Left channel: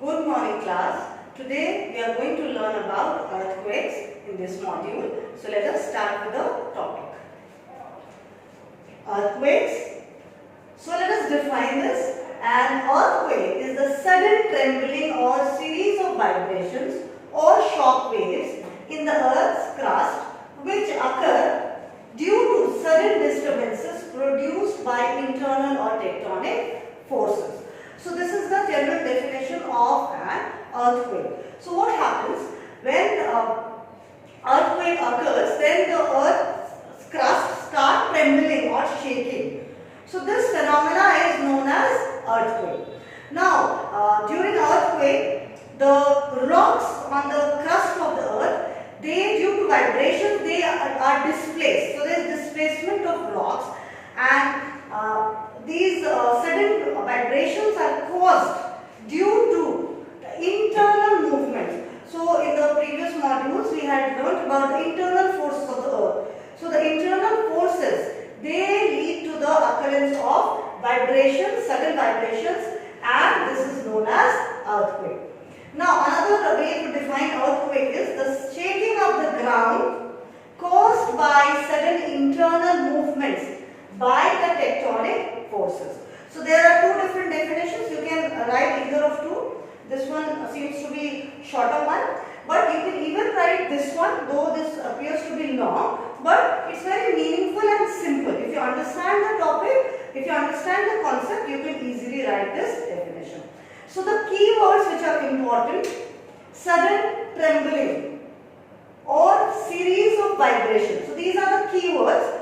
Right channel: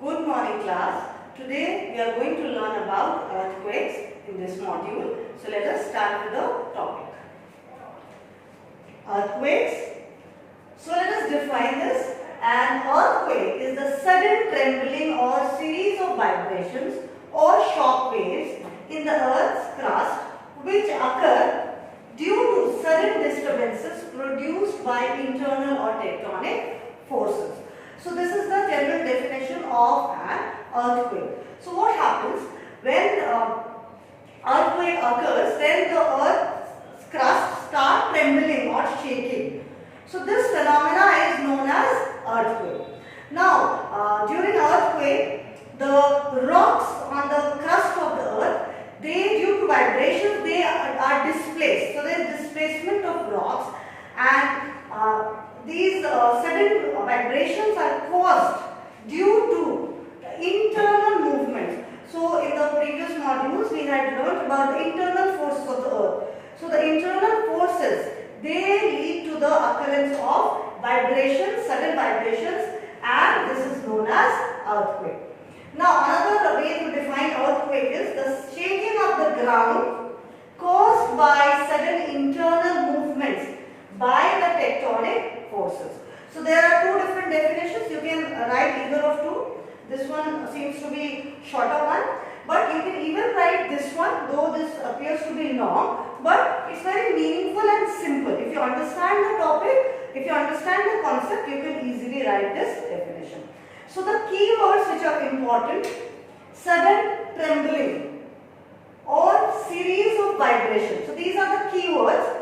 Good morning class. Today we are going to learn about earthquakes in this module. So let us start with the topic. Earthquakes. So let us define this. An earthquake is the sudden trembling or series of vibrations or shock waves in the earth's crust which occur due to sudden disturbances produced by internal or tectonic forces. So this is the general definition of an earthquake. So what happens when earthquake occurs? Then the earth's crust starts trembling or shaking. So this phenomena is known as earthquake. Now during earthquake, the rocks on the crust of the earth, they due to vibrations they are displaced. So there is displacement of rocks, and these sudden vibrations are caused due to internal movements. So in the previous modules we had learned about the internal forces of the earth. So the internal forces, they lead to the occurrence of vibrations, sudden vibrations, and this is known as earthquake. Now another way to define earthquake is the shaking of the ground caused by sudden internal movements by the tectonic forces. So there are two different definitions. You can write either of two. This one seems to be shorter one, but you can even write this one, though this appears to be long, but it's very meaningful and simple. If you understand the topic, if you understand the concept, you can easily write this definition. So the key words which are important: sudden trembling or series of vibrations. So these are the key words.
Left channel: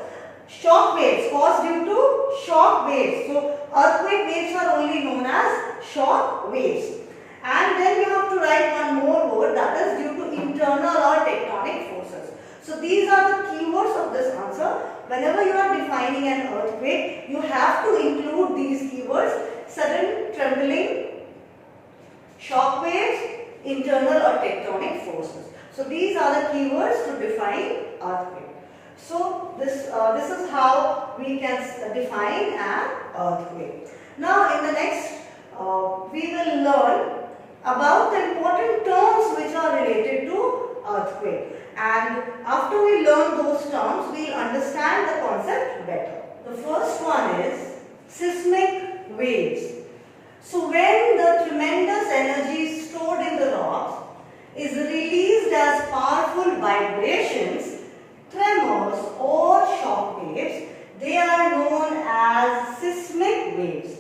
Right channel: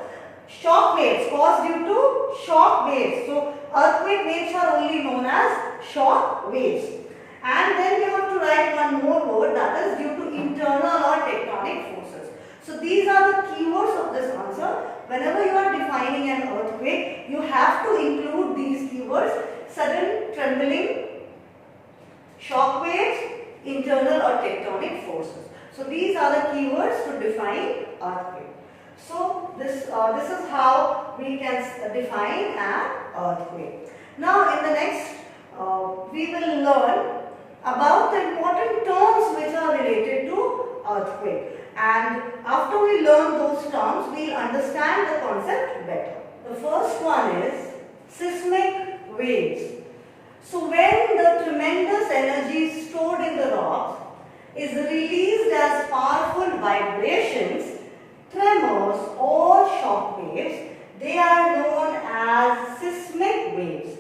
Shock waves, caused due to shock waves. So earthquake waves are only known as shock waves. And then you have to write one more word, that is due to internal or tectonic forces. So these are the keywords of this answer. Whenever you are defining an earthquake, you have to include these keywords: sudden trembling, shock waves, internal or tectonic forces. So these are the keywords to define earthquake. So this is how we can define an earthquake. Now in the next we will learn about the important terms which are related to earthquake, and after we learn those terms we will understand the concept better. The first one is seismic waves. So when the tremendous energy stored in the rocks is released as powerful vibrations, tremors or shock waves, they are known as seismic waves.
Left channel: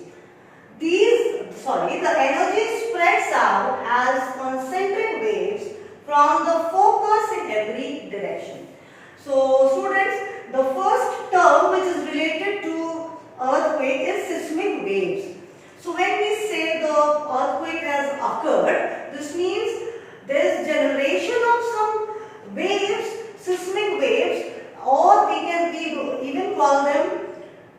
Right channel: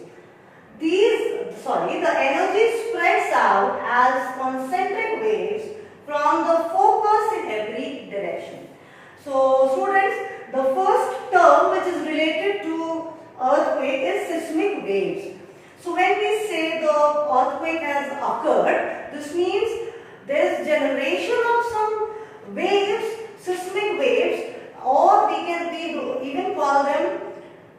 The energy spreads out as concentric waves from the focus in every direction. So students, the first term which is related to earthquake is seismic waves. So when we say the earthquake has occurred, this means there is generation of some waves, seismic waves, or we even call them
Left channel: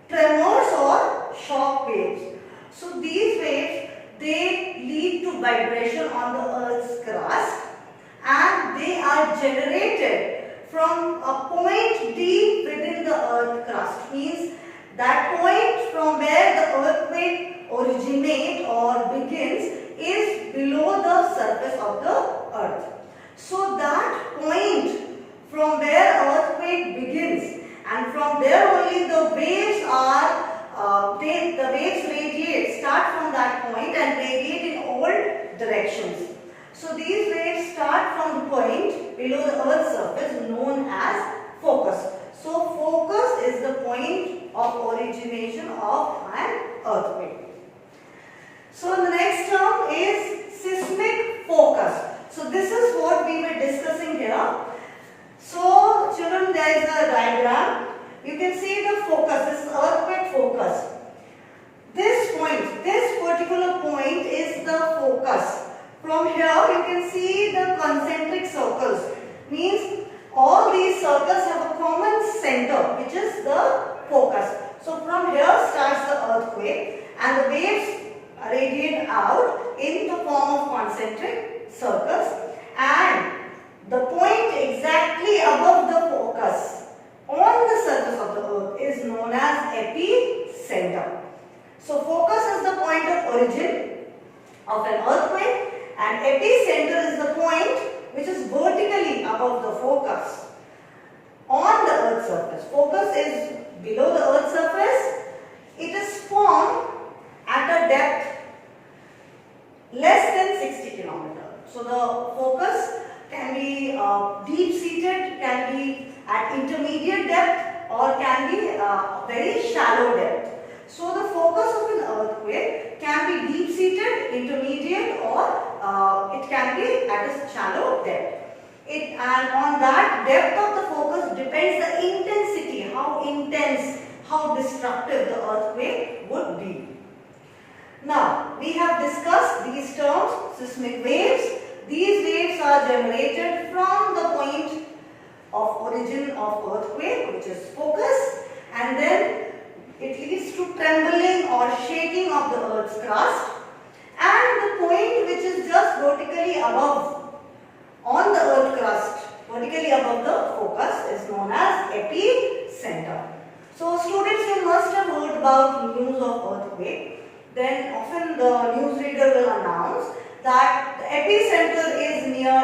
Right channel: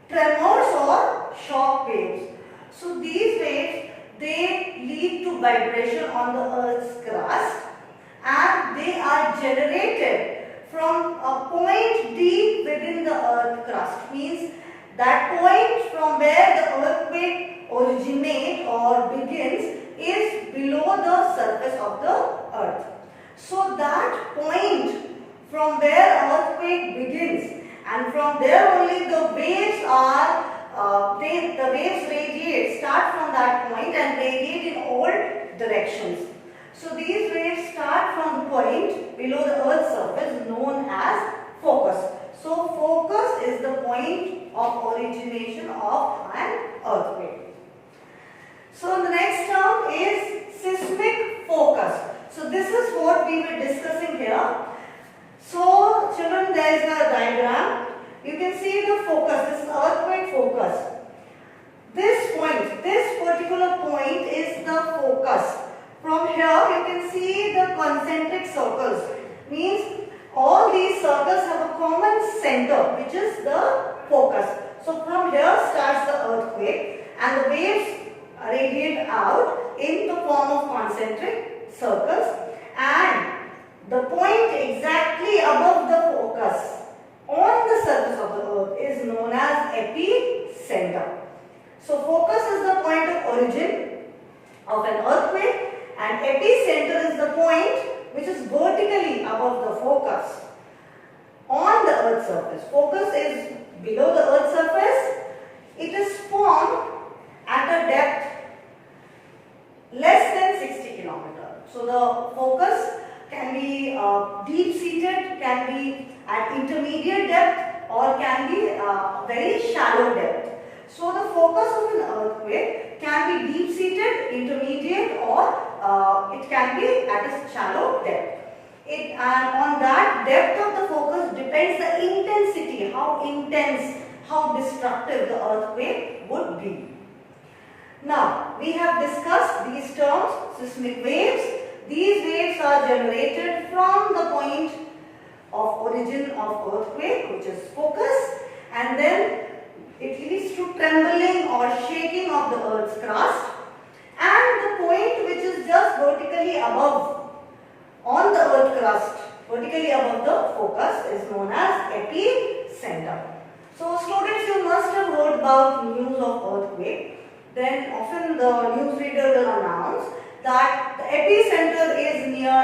tremors or shock waves. So these waves, they lead to vibration on the earth's crust, and they are generated from a point deep within the earth crust. Means that point from where the earthquake originates or begins is below the surface of the earth. So that point from where earthquake begins, and from there only the waves are the waves radiate, start from that point and radiate in all directions. So these waves start from the point below the earth's surface known as focus. So focus is the point of origination of an earthquake. So the next term is seismic focus. So this is what we were discussing here. So children, there is a diagram. You can see the focus. This is earthquake focus. This point, this particular point is the focus. From here you can see the concentric circles. Means all these circles have a common center, which is the focus. So from here starts the earthquake, and the waves radiate out in the form of concentric circles, and the point exactly above the focus on the surface of the earth is known as epicenter. So focus is the point of origin, of an earthquake, and epicenter is the point which is vertically above the focus on the earth's surface. Focus is below the earth's surface. It is formed at a depth less than 60 kilometers. So the focus can be deep seated, can be at intermediate depth, or can be very shallow depth. So the focus of an earthquake can be deep seated, intermediate, or it can be at a shallow depth. And on that depth of the focus depends the intensity, how intense, how destructive the earthquake would be. Now, we have discussed these terms, seismic waves. These waves are generated from the point of origin of earthquake, which is focus, and then it leads to trembling or shaking of the earth's crust, and the point which is just vertically above on the earth crust, vertically above the focus, is known as epicenter. So students, you must have heard about news of earthquake. Then often the newsreader will announce that the epicenter is near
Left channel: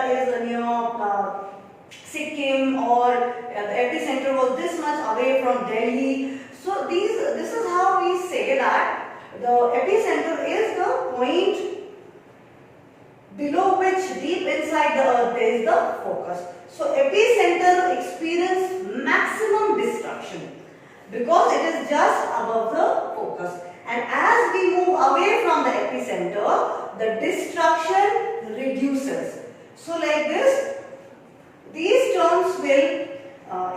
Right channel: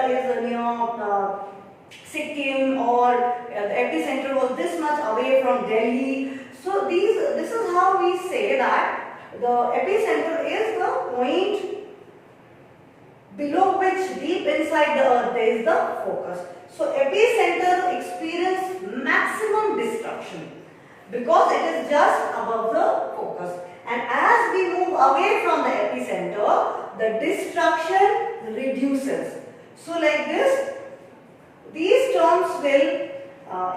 Sikkim, or the epicenter was this much away from Delhi. So this is how we say that the epicenter is the point below which deep inside the earth there is the focus. So epicenter experience maximum destruction because it is just above the focus. And as we move away from the epicenter, the destruction reduces. So like this, these terms will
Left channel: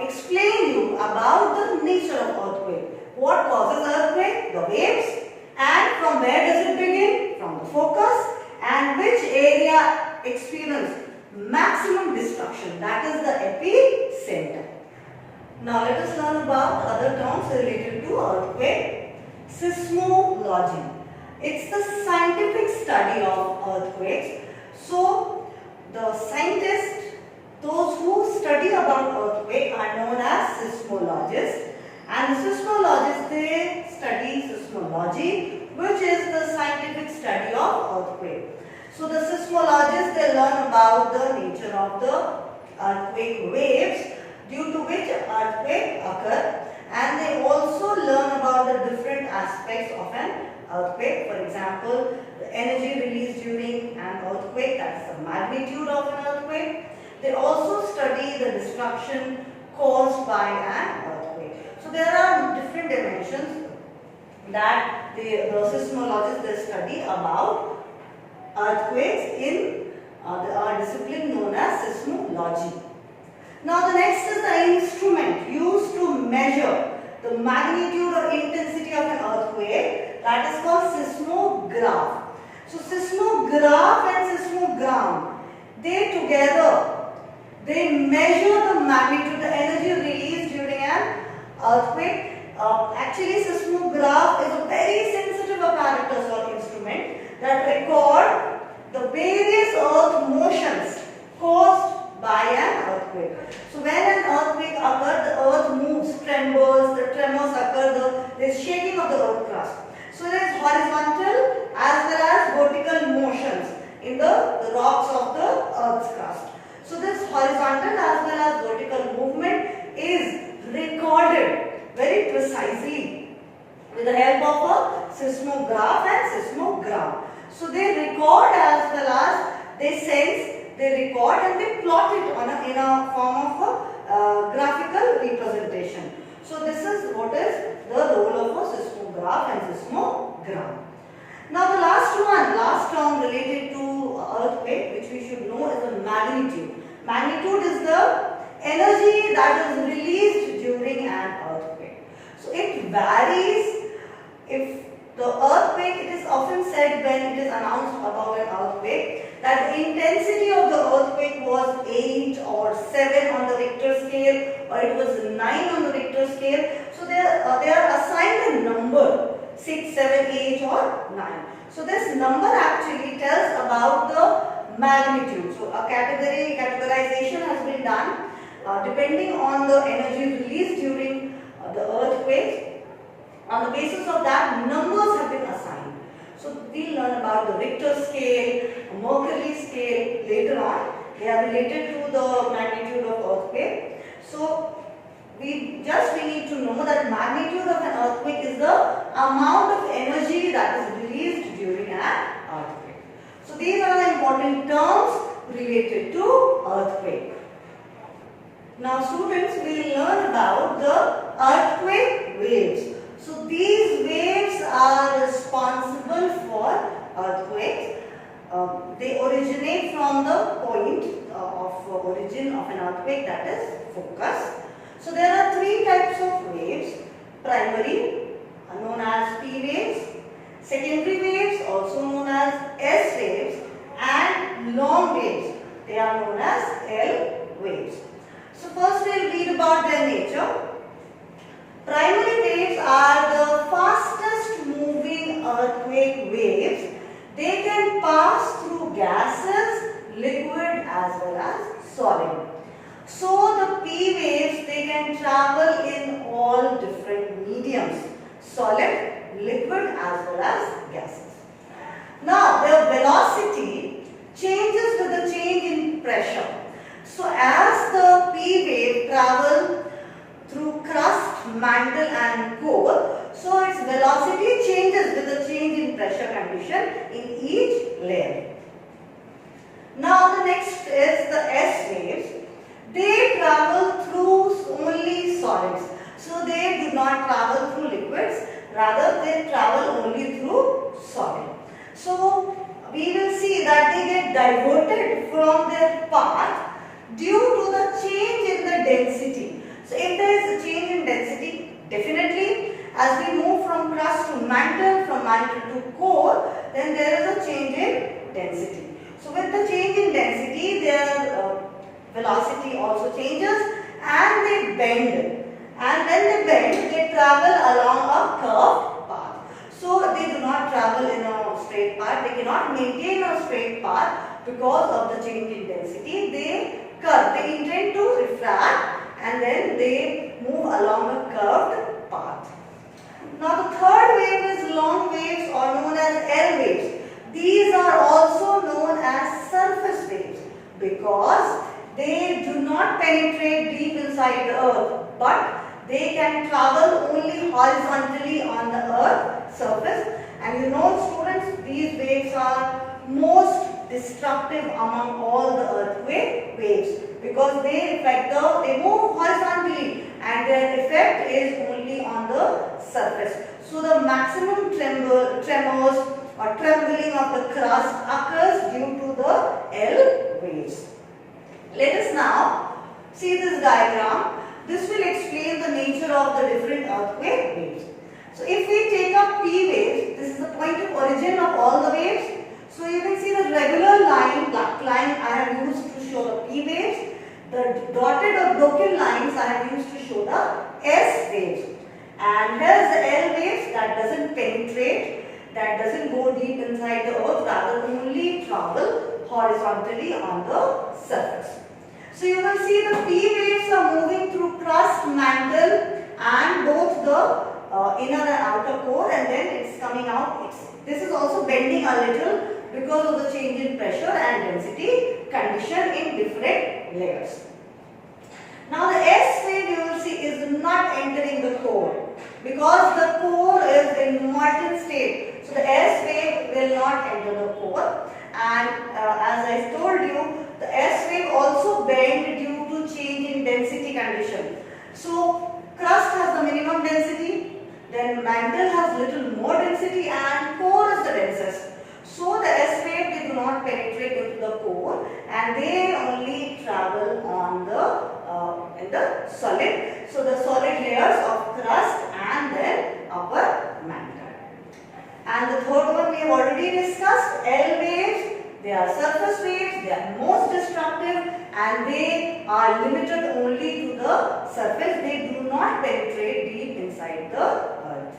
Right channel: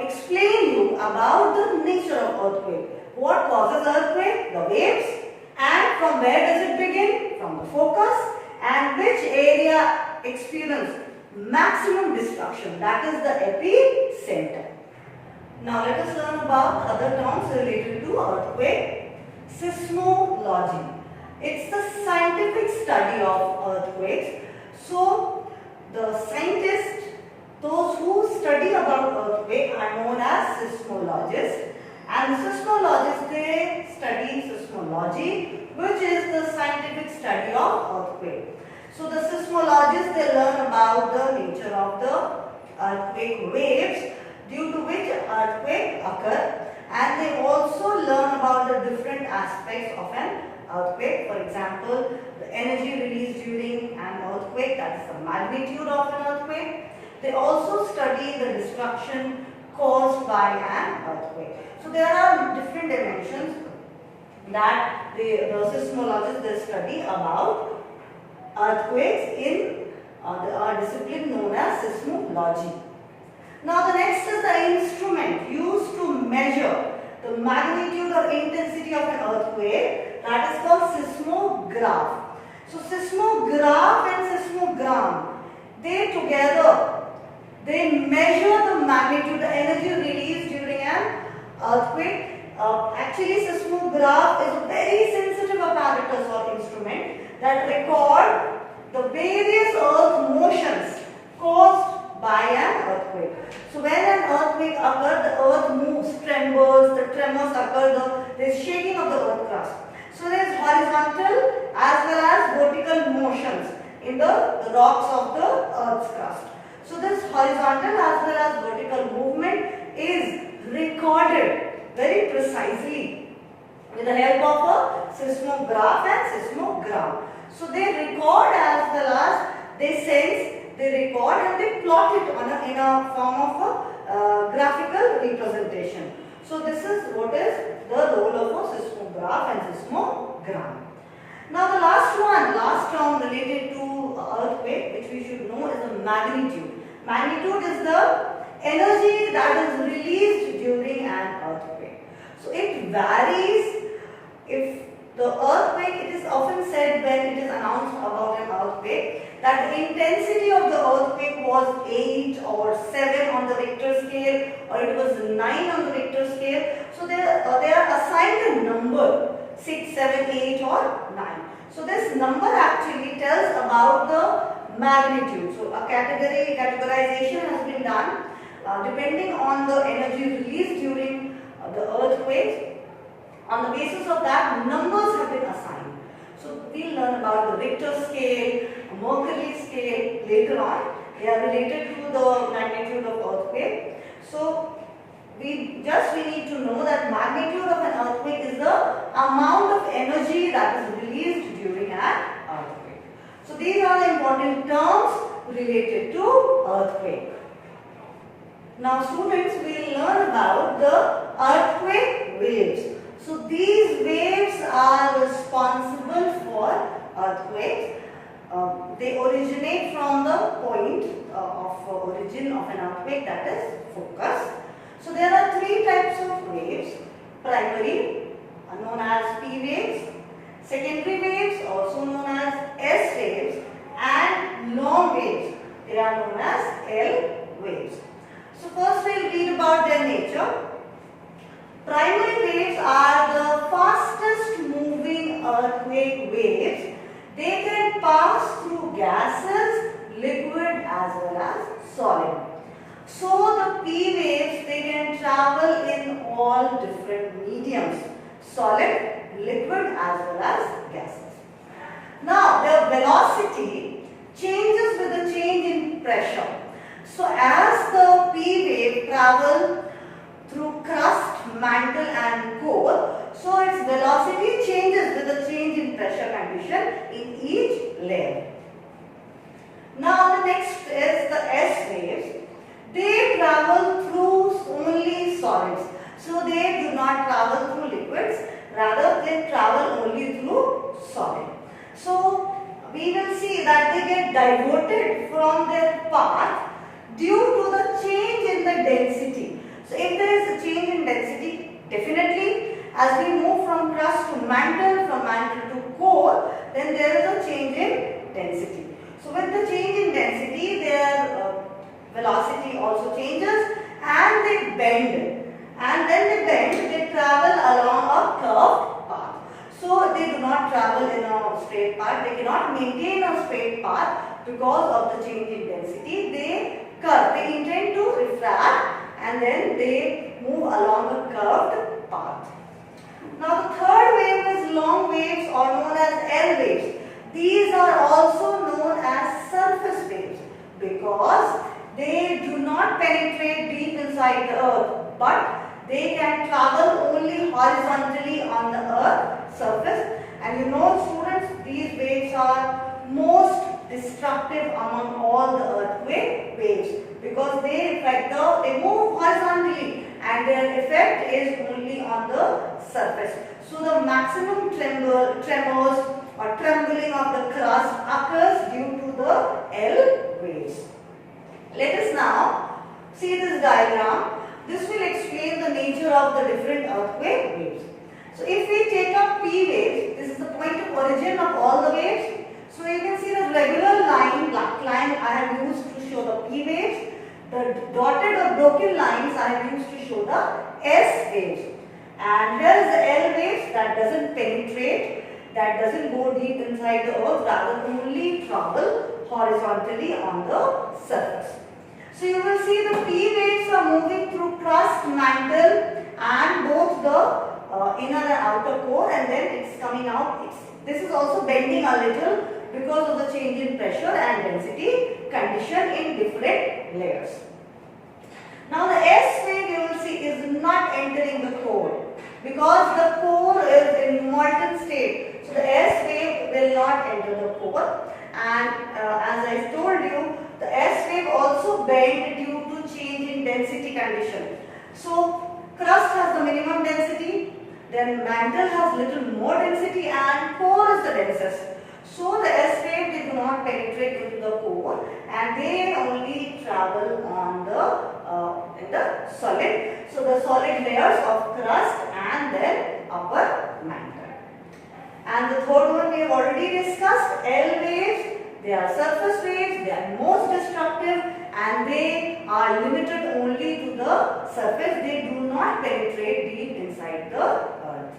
explain you about the nature of earthquake. What causes earthquake? The waves. And from where does it begin? From the focus. And which area experience maximum destruction? That is the epicenter. Now let us learn about other terms related to earthquake. Seismology. It's the scientific study of earthquakes. So the scientists, those who study about earthquake, are known as seismologists. And the seismologists, they study seismology, which is the scientific study of earthquake. So the seismologists, they learn about the nature of the earthquake waves due to which earthquake occur, and they also learn about the different aspects of an earthquake. For example, the energy released during an earthquake, that is the magnitude of an earthquake. They also study the destruction caused by an earthquake. So there are different dimensions that the seismologists, they study about earthquakes in the discipline known as seismology. Now the next is the instrument used to measure the magnitude or intensity of an earthquake, that is called seismograph. So seismograph and seismogram, they together, they measure the magnitude, the energy released during an earthquake. Actually seismograph is a very sensitive apparatus or instrument that record the various earth motions caused by an earthquake. So when an earthquake occurs, the earth moves, trembles, the tremors occur, there is shaking of the earth crust. So there is horizontal as well as vertical motions in the rocks of the earth's crust. So this horizontal as well as vertical movement is recorded very precisely with the help of a seismograph and seismogram. So they record as well as they sense, they record and they plot it on in a form of a graphical representation. So this is what is the role of a seismograph and seismogram. Now the last term related to earthquake, which we should know, is the magnitude. Magnitude is the energy that is released during an earthquake. So it varies. If the earthquake, it is often said when it is announced about an earthquake that the intensity of the earthquake was 8 or 7 on the Richter scale, or it was 9 on the Richter scale. So they are assigned a number, 6, 7, 8 or 9. So this number actually tells about the magnitude. So a categorization has been done depending on the energy released during the earthquake. On the basis of that, numbers have been assigned. So So we'll learn about the Richter scale, Mercalli scale later on. They are related to the magnitude of earthquake. So we need to know that magnitude of an earthquake is the amount of energy that is released during an earthquake. So these are the important terms related to earthquake. Now students, we will learn about the earthquake waves. So these waves are responsible for earthquakes. They originate from the point of origin of an earthquake, that is focus. So there are three types of waves: primary, known as P waves; secondary waves, also known as S waves; and long waves, they are known as L waves. So first we will read about their nature. Primary waves are the fastest moving earthquake waves. They can pass through gases, liquid as well as solid. So the P waves, they can travel in all different mediums: solid, liquid as well as gases. Now their velocity changes with the change in pressure. So as the P wave travels through crust, mantle and core, so its velocity changes with the change in pressure condition in each layer. Now the next is the S waves. They travel through only solids. So they do not travel through liquids, rather they travel only through solid. So we will see that they get diverted from their path due to the change in the density. So if there is a change in density, definitely as we move from crust to mantle, from mantle to core, then there is a change in density. So with the change in density, their velocity also changes and they bend. And when they bend, they travel along a curved path. So they do not travel in a straight path. They cannot maintain a straight path because of the change in density. They curve. They intend to refract and then they move along a curved path. Now the third wave is long waves, or known as L waves. These are also known as surface waves because they do not penetrate deep inside the earth, but they can travel only horizontally on the earth surface. And you know, students, these waves are most destructive among all the earthquake waves because they move horizontally and their effect is only on the surface. So the maximum tremors or trembling of the crust occurs due to the L waves. Let us now see this diagram. This will explain the nature of the different earthquake waves. So if we take up P waves, this is the point of origin of all the waves. So you can see the regular line, black line I have used to show the P waves. The dotted or broken lines I have used to show the S waves. And here is the L waves that doesn't penetrate, that doesn't go deep inside the earth, rather only travel horizontally on the surface. So you will see the P waves are moving through crust, mantle and both the inner and outer core, and then it's coming out. This is also bending a little because of the change in pressure and density condition in different layers. Now the S wave you will see is not entering the core because the core is in molten state. So the S wave will not enter the core, and as I told you, the S wave also bend due to change in density condition. So crust has the minimum density, then mantle has little more density and core is the densest. So the S wave, they do not penetrate into the core and they only travel on in the solid. So the solid layers of crust and then upper mantle. And the third one we have already discussed, L waves. They are surface waves, they are most destructive and they are limited only to the surface. They do not penetrate deep inside the earth.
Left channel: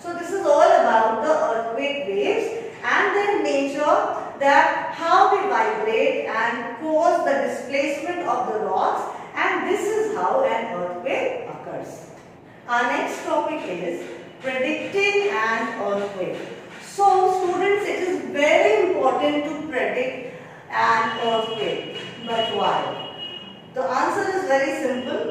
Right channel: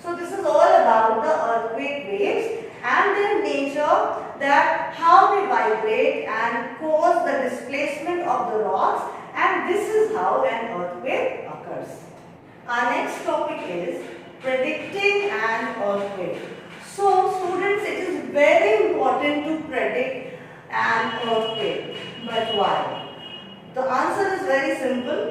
So this is all about the earthquake waves and their nature, that how they vibrate and cause the displacement of the rocks, and this is how an earthquake occurs. Our next topic is predicting an earthquake. So students, it is very important to predict an earthquake. But why? The answer is very simple.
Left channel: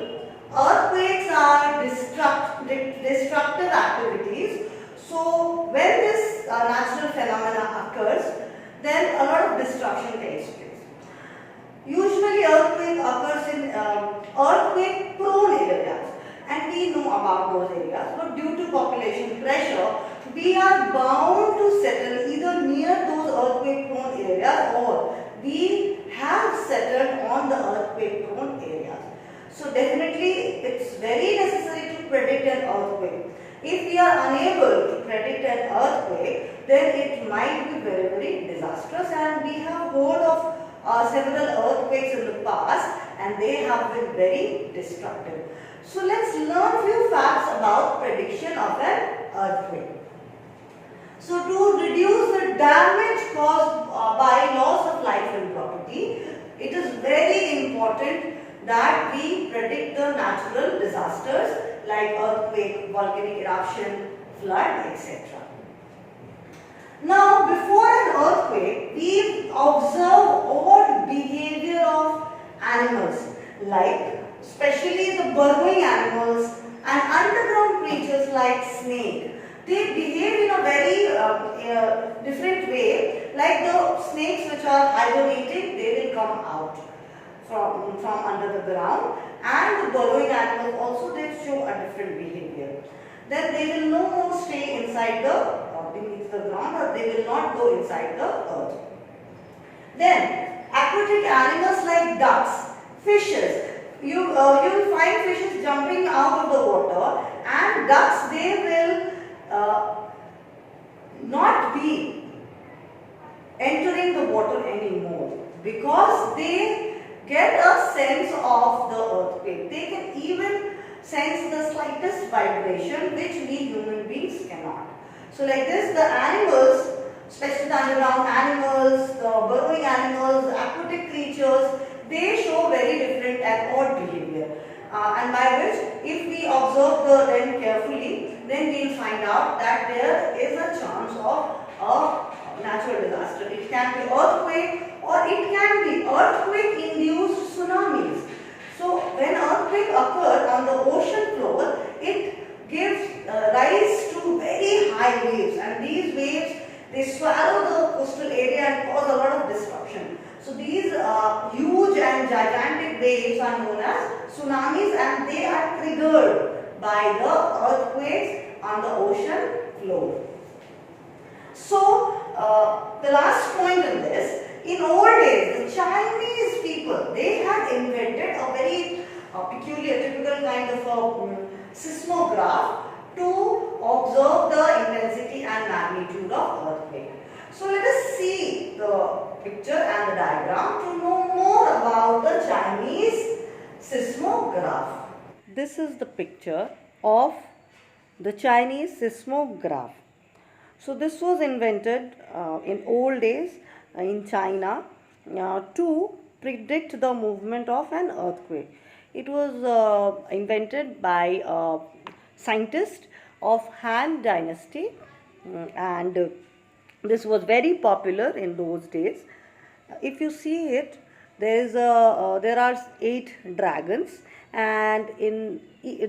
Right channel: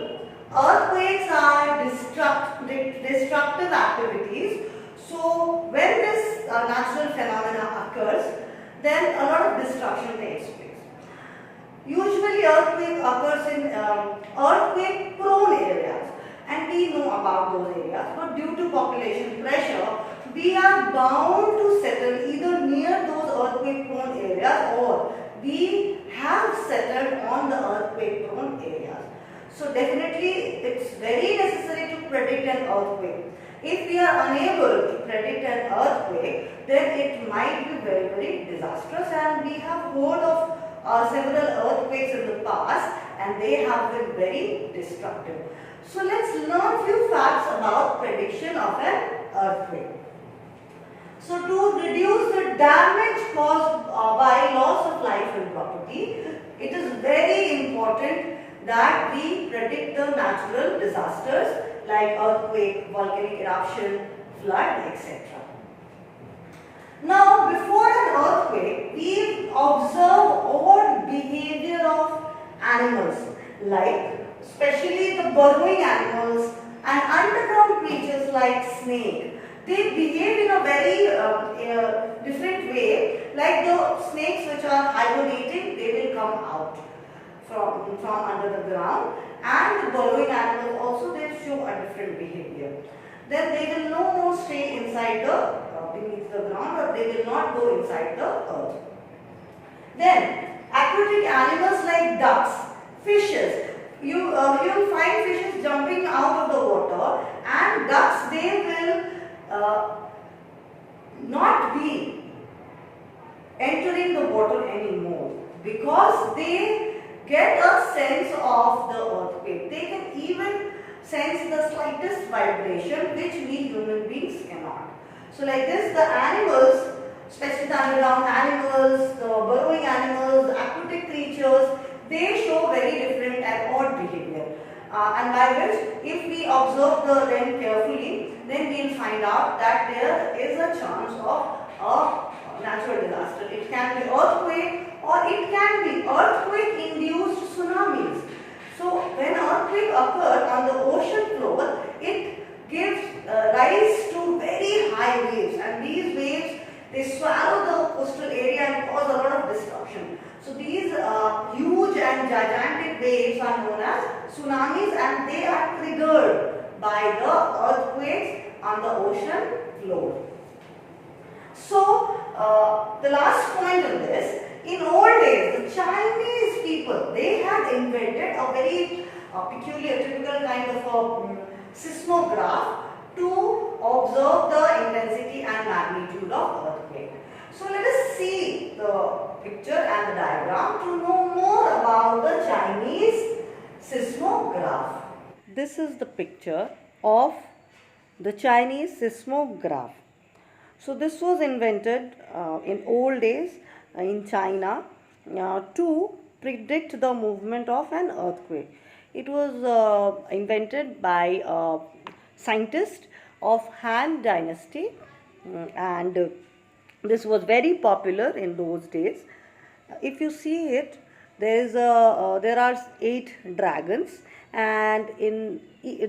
Earthquakes are destructive activities. So when this natural phenomena occurs, then a lot of destruction takes place. Usually earthquake occurs in earthquake prone areas, and we know about those areas, but due to population pressure, we are bound to settle either near those earthquake prone areas or we have settled on the earthquake prone areas. So definitely it's very necessary to predict an earthquake. If we are unable to predict an earthquake, then it might be very, very disastrous, and we have heard of several earthquakes in the past, and they have been very destructive. So let's learn few facts about prediction of an earthquake. So to reduce the damage caused by loss of life and property, it is very important that we predict the natural disasters like earthquake, volcanic eruption, flood, etc. Now, before an earthquake, we observe odd behavior of animals, like especially the burrowing animals and underground creatures like snake. They behave in a very different way. Like the snakes which are hibernating, they will come out from under the ground, and the burrowing animals also, they show a different behavior. Then they will no more stay inside the beneath the ground, or they will not go inside the earth. Then aquatic animals like ducks, fishes. You will find fishes jumping out of the water, and ducks, they will not be entering the water anymore because they get a sense of the earthquake. They can even sense the slightest vibration which we human beings cannot. So like this, the animals, especially the underground animals, the burrowing animals, the aquatic creatures, they show very different and odd behavior. And by which, if we observe them carefully, then we will find out that there is a chance of a natural disaster. It can be earthquake, or it can be earthquake-induced tsunamis. So when earthquake occurs on the ocean floor, it gives rise to very high waves, and these waves, they swallow the coastal area and cause a lot of disruption. So these huge and gigantic waves are known as tsunamis, and they are triggered by the earthquakes on the ocean floor. So the last point in this, in old days, the Chinese people, they had invented a very peculiar, typical kind of a seismograph to observe the intensity and magnitude of earthquake. So let us see the picture and the diagram to know more about the Chinese seismograph. This is the picture of the Chinese seismograph. So this was invented in old days in China to predict the movement of an earthquake. It was invented by a scientist of Han Dynasty, and this was very popular in those days. If you see it, there are 8 dragons, and in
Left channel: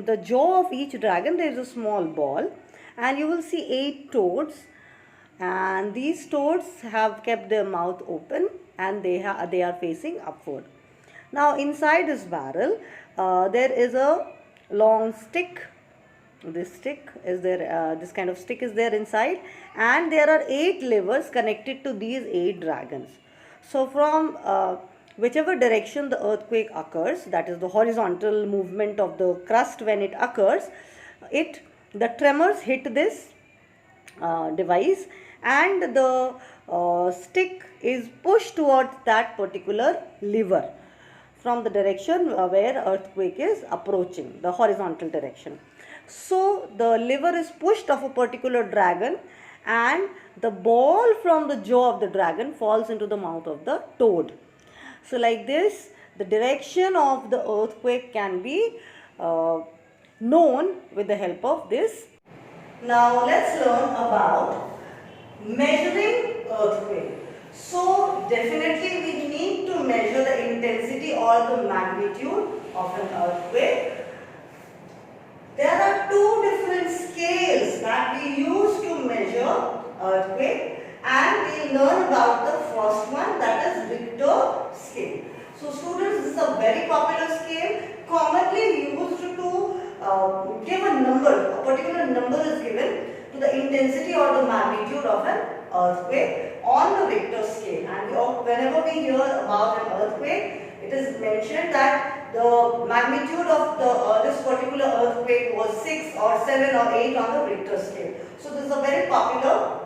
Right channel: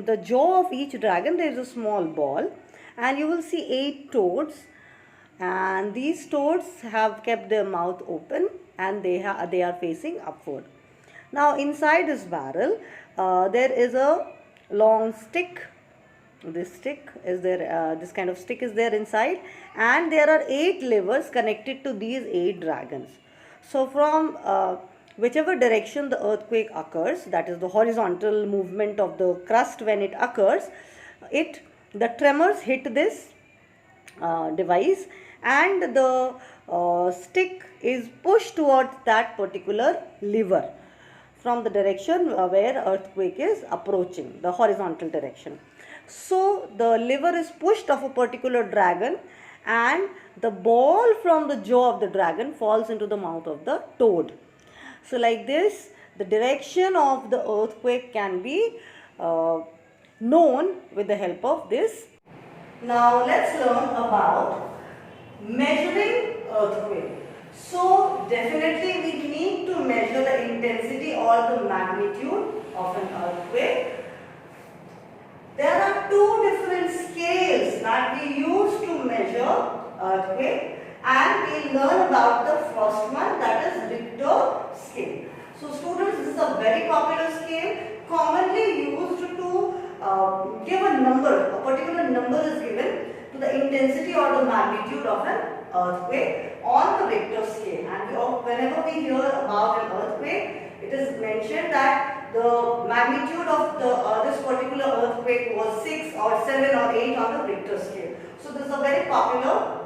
the jaw of each dragon there is a small ball, and you will see 8 toads, and these toads have kept their mouth open, and they are facing upward. Now inside this barrel there is a long stick. This stick is there, this kind of stick is there inside, and there are 8 levers connected to these 8 dragons. So from whichever direction the earthquake occurs, that is the horizontal movement of the crust when it occurs, the tremors hit this device, and the stick is pushed towards that particular lever from the direction where earthquake is approaching, the horizontal direction. So the lever is pushed of a particular dragon, and the ball from the jaw of the dragon falls into the mouth of the toad. So like this, the direction of the earthquake can be known with the help of this. Now let's learn about measuring earthquake. So definitely we need to measure the intensity or the magnitude of an earthquake. There are two different scales that we use to measure earthquake, and we learn about the first one, that is Richter scale. So students, this is a very popular scale, commonly used to give a number. A particular number is given to the intensity or the magnitude of an earthquake on the Richter scale. And whenever we hear about an earthquake, it is mentioned that the magnitude of this particular earthquake was 6 or 7 or 8 on the Richter scale. So this is a very popular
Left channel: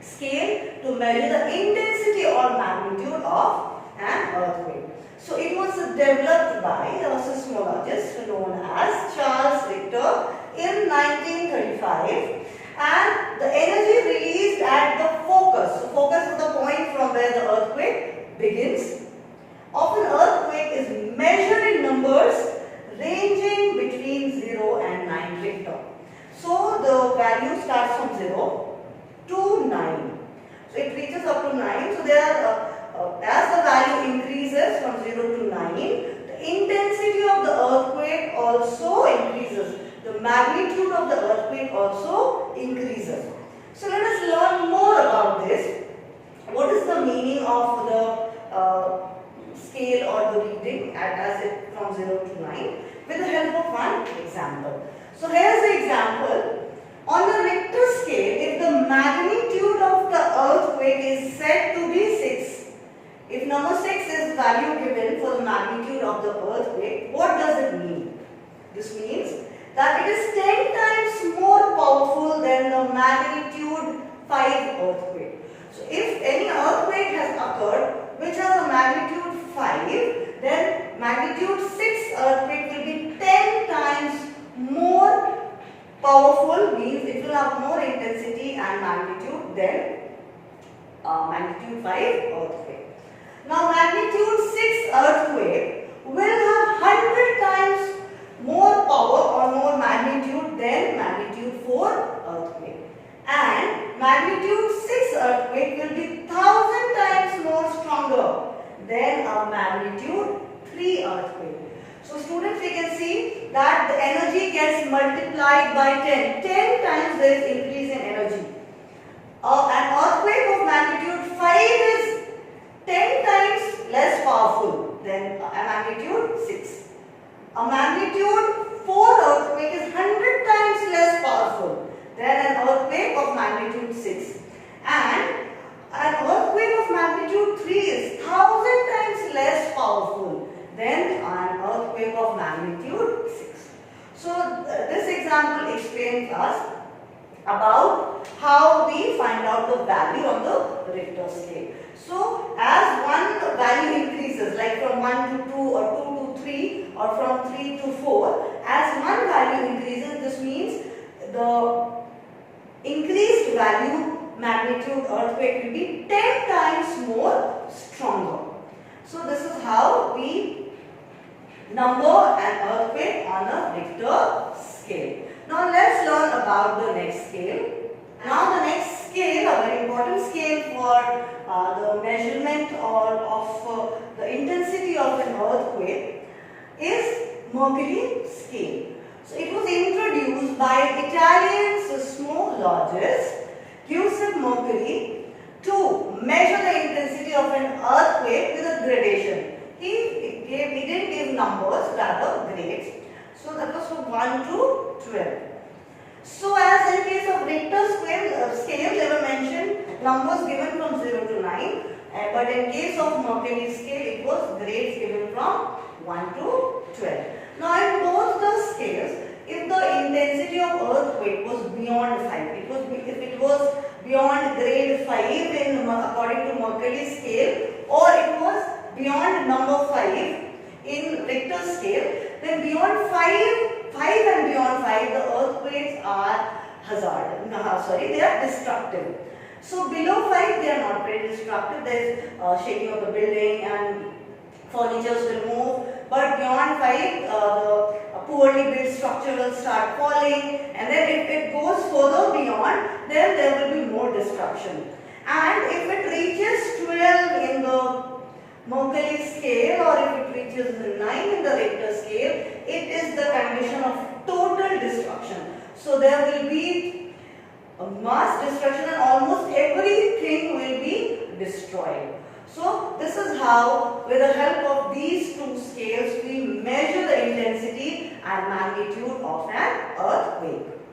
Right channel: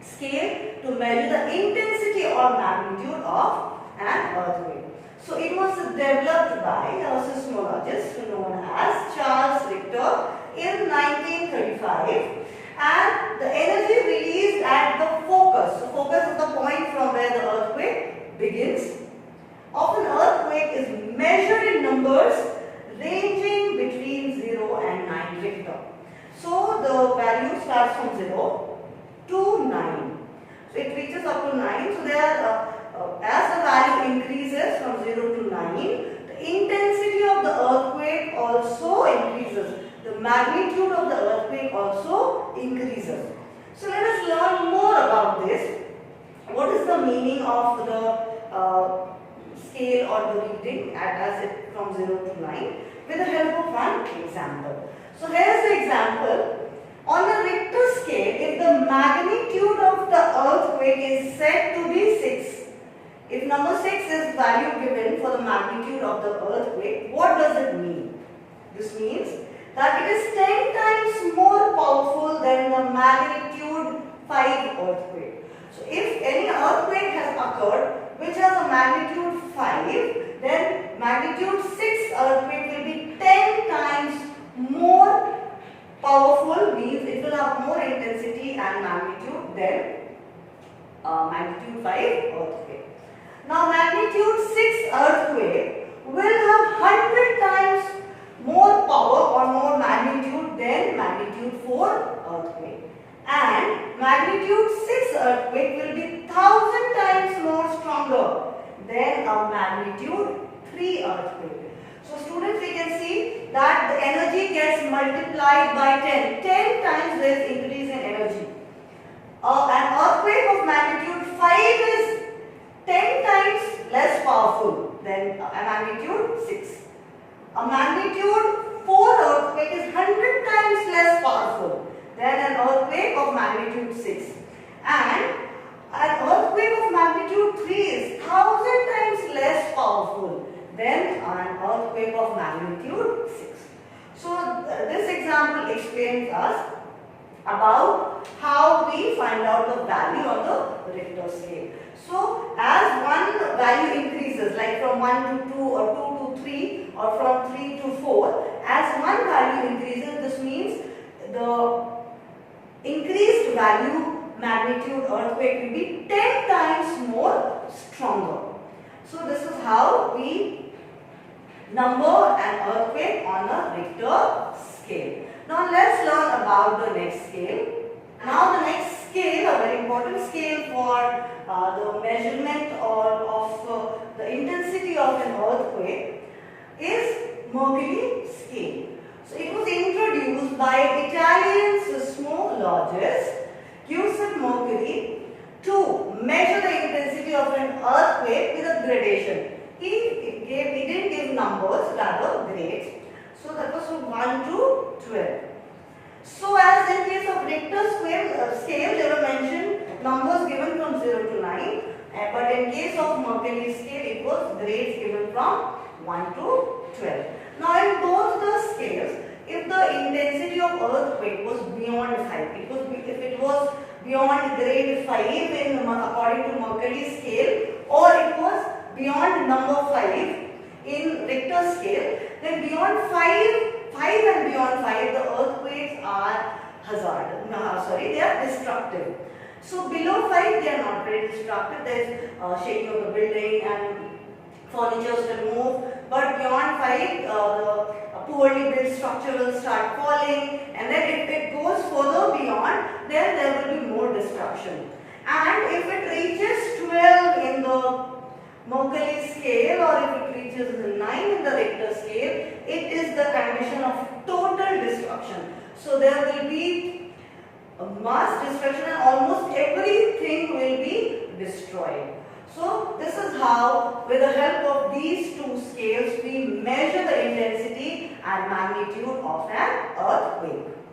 scale to measure the intensity or magnitude of an earthquake. So it was developed by a seismologist known as Charles Richter in 1935, and the energy released at the focus. So focus is the point from where the earthquake begins. Of an earthquake is measured in numbers ranging between 0 and 9 Richter. So the value starts from 0 to 9. So it reaches up to 9. So there as the value increases from 0 to 9, the intensity of the earthquake also increases. The magnitude of the earthquake also increases. So let us learn more about this. What is the meaning of the scale or the reading as it from 0 to 9 with the help of one example. So here's the example. On the Richter scale, if the magnitude of the earthquake is said to be 6, if number 6 is value given for the magnitude of the earthquake, what does it mean? This means that it is 10 times more powerful than the magnitude 5 earthquake. So if any earthquake has occurred which has a magnitude 5, then magnitude 6 earthquake will be 10 times more powerful, means it will have more intensity and magnitude than magnitude 5 earthquake. Now magnitude 6 earthquake will have 100 times more power or more magnitude than magnitude 4 earthquake. And magnitude 6 earthquake will be 1000 times more stronger than a magnitude 3 earthquake. So students, we can see that the energy gets multiplied by 10. 10 times there is increase in energy. An earthquake of magnitude 5 is 10 times less powerful than a magnitude 6. A magnitude 4 earthquake is 100 times less powerful than an earthquake of magnitude 6. And an earthquake of magnitude 3 is 1000 times less powerful than an earthquake of magnitude 6. So this example explains us about how we find out the value on the Richter scale. So as one value increases, like from 1 to 2 or 2 to 3 or from 3 to 4, as one value increases, this means the increased value magnitude earthquake will be 10 times more stronger. So this is how we number an earthquake on a Richter scale. Now let's learn about the next scale. Now the next scale, a very important scale for the measurement of the intensity of an earthquake, is Mercalli scale. So it was introduced by Italian seismologist Giuseppe Mercalli to measure the intensity of an earthquake with a gradation. He didn't give numbers, rather grades. So that was from 1 to 12. So as in case of Richter scale, there were mentioned numbers given from 0 to 9. But in case of Mercalli scale, it was grades given from 1 to 12. Now in both the scales, if the intensity of earthquake was beyond 5, if it was beyond grade 5 according to Mercalli scale, or it was beyond number 5 in Richter scale, then beyond 5 and beyond 5, the earthquakes are they are destructive. So below 5, they are not very destructive. There is shaking of the building and furniture will move. But beyond 5, the poorly built structure will start falling, and then if it goes further beyond, then there will be more destruction. And if it reaches 12 in the Mercalli scale, or if it reaches 9 in the Richter scale, it is the condition of total destruction. So there will be a mass destruction and almost everything will be destroyed. So this is how, with the help of these two scales, we measure the intensity and magnitude of an earthquake.